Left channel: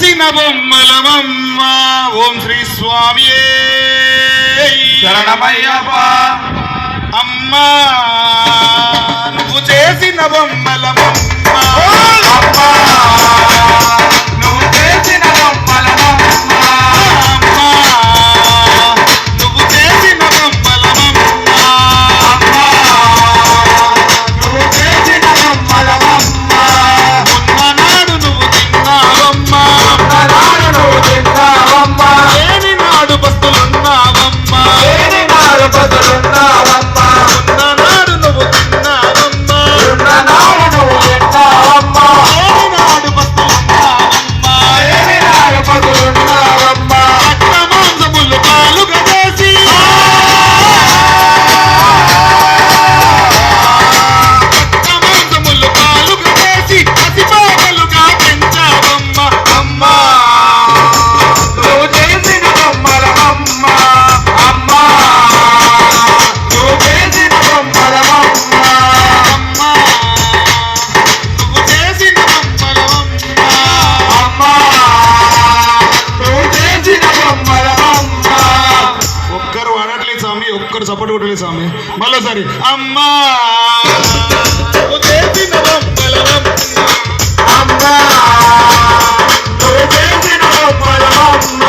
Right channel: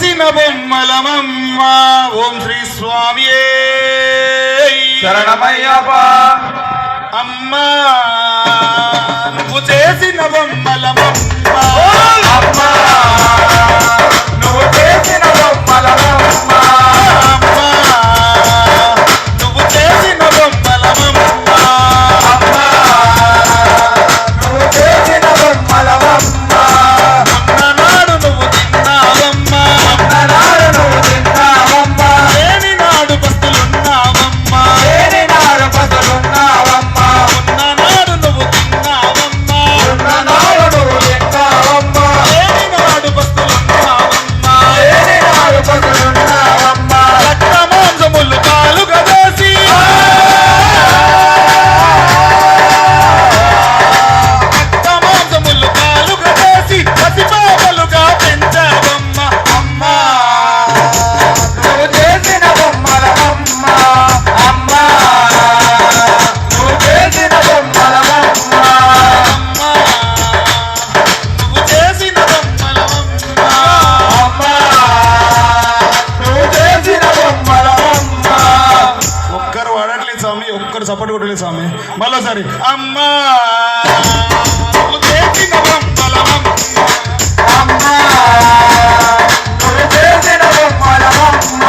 చేసిన బొమ్మలమమ్మ. ఓం శ్రీ స్వామియే శరణమయ్యప్ప. అమ్మా నువ్వు చేసిన బొమ్మలమమ్మ. అమ్మా నువ్వు చేసిన బొమ్మలమమ్మ. అమ్మా నువ్వు చేసిన బొమ్మలమమ్మ. అమ్మా నువ్వు చేసిన బొమ్మలమమ్మ. ఉన్ననాడు నువ్వు తిన్నావమ్మా. ఉన్ననాడు నువ్వు తిన్నావమ్మా. లేని నాడు పస్తులున్నావమ్మా. లేని నాడు బతులున్నావమ్మా. ఉన్ననాడు నువ్వు తిన్నావమ్మా. ఉన్ననాడు నువ్వు తిన్నావమ్మా. లేని నాడు పస్తులున్నావమ్మా. లేని నాడు బతులున్నావమ్మా. రక్త మాంసములు పాలుగా చేసి రక్త మాంసములు పాలుగా చేసి పసిపాపలుగా పెంచావమ్మ. అమ్మా నువ్వు చేసిన బొమ్మలమమ్మ. అమ్మా నువ్వు చేసిన బొమ్మలమమ్మ. అమ్మా నువ్వు చేసిన బొమ్మలమమ్మ. అమ్మా నువ్వు చేసిన బొమ్మలమమ్మ. ఒక్కరు వాడట్లేదు స్వామి, ఒక్కరు సపోర్ట్ కొట్టలేదు స్వామి. మళ్ళీసారి అమ్మా నువ్వు చేసిన బొమ్మలమమ్మ. అమ్మా నువ్వు చేసిన బొమ్మలమమ్మ.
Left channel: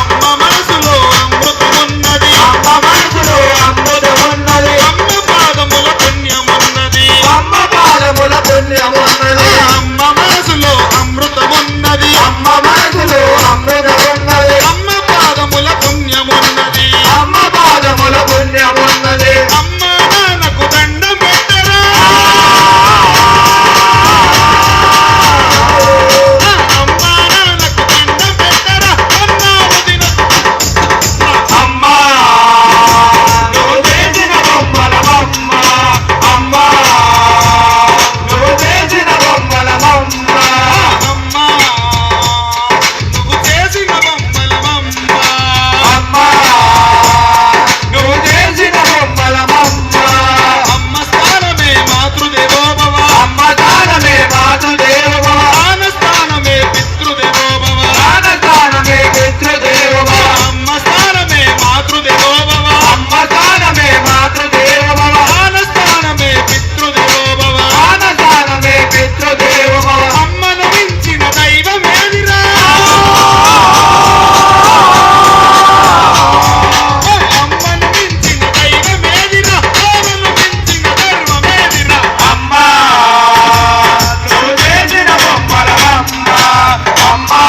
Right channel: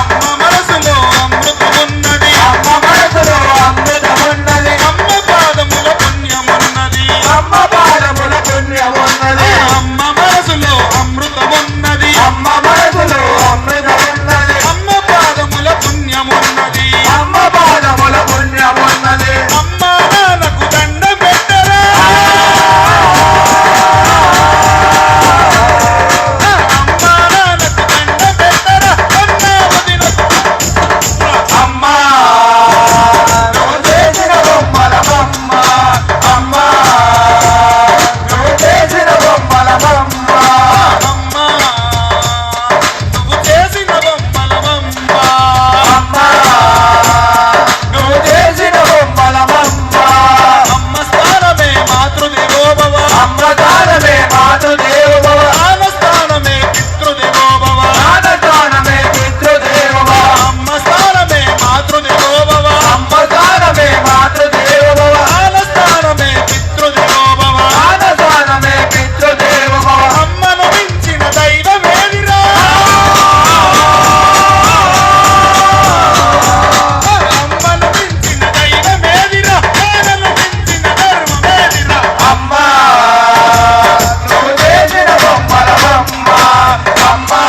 అమ్మ మనసులో అమృతమున్నది. అమ్మ మనసులో అమృతమున్నది. అమ్మ పాదముల పుణ్యమున్నది. అమ్మ పాదముల పుణ్యమున్నది. అమ్మ మనసులో అమృతమున్నది. అమ్మ మనసులో అమృతమున్నది. అమ్మ పాదముల పుణ్యమున్నది. అమ్మ పాదముల పుణ్యమున్నది. అమ్మ నాన్నకు దండం పెట్టరా. అమ్మ నాన్నకు దండం పెట్టరా. అన్నావదినకు అమ్మా నువ్వు చేసిన బొమ్మలమమ్మ. అమ్మా నువ్వు చేసిన బొమ్మలమమ్మ. అమ్మా నువ్వు చేసిన బొమ్మలమమ్మ. అమ్మా నువ్వు చేసిన బొమ్మలమమ్మ. అమ్మ స్థానమే మాతృదేవో భవ. అమ్మ దానమే మాతృదేవోభవ. ఆన స్థానమే పితృదేవో భవ. దానమే పితృదేవోభవ. అమ్మ స్థానమే మాతృదేవో భవ. అమ్మ దానమే మాతృదేవోభవ. ఆన స్థానమే పితృదేవో భవ. దానమే పితృదేవోభవ. అమ్మను మించిన దైవమేదిరా. అమ్మను మించిన దైవమేదిరా. ఆనను మించిన ధర్మమేదిరా. అమ్మా నువ్వు చేసిన బొమ్మలమమ్మ. అమ్మా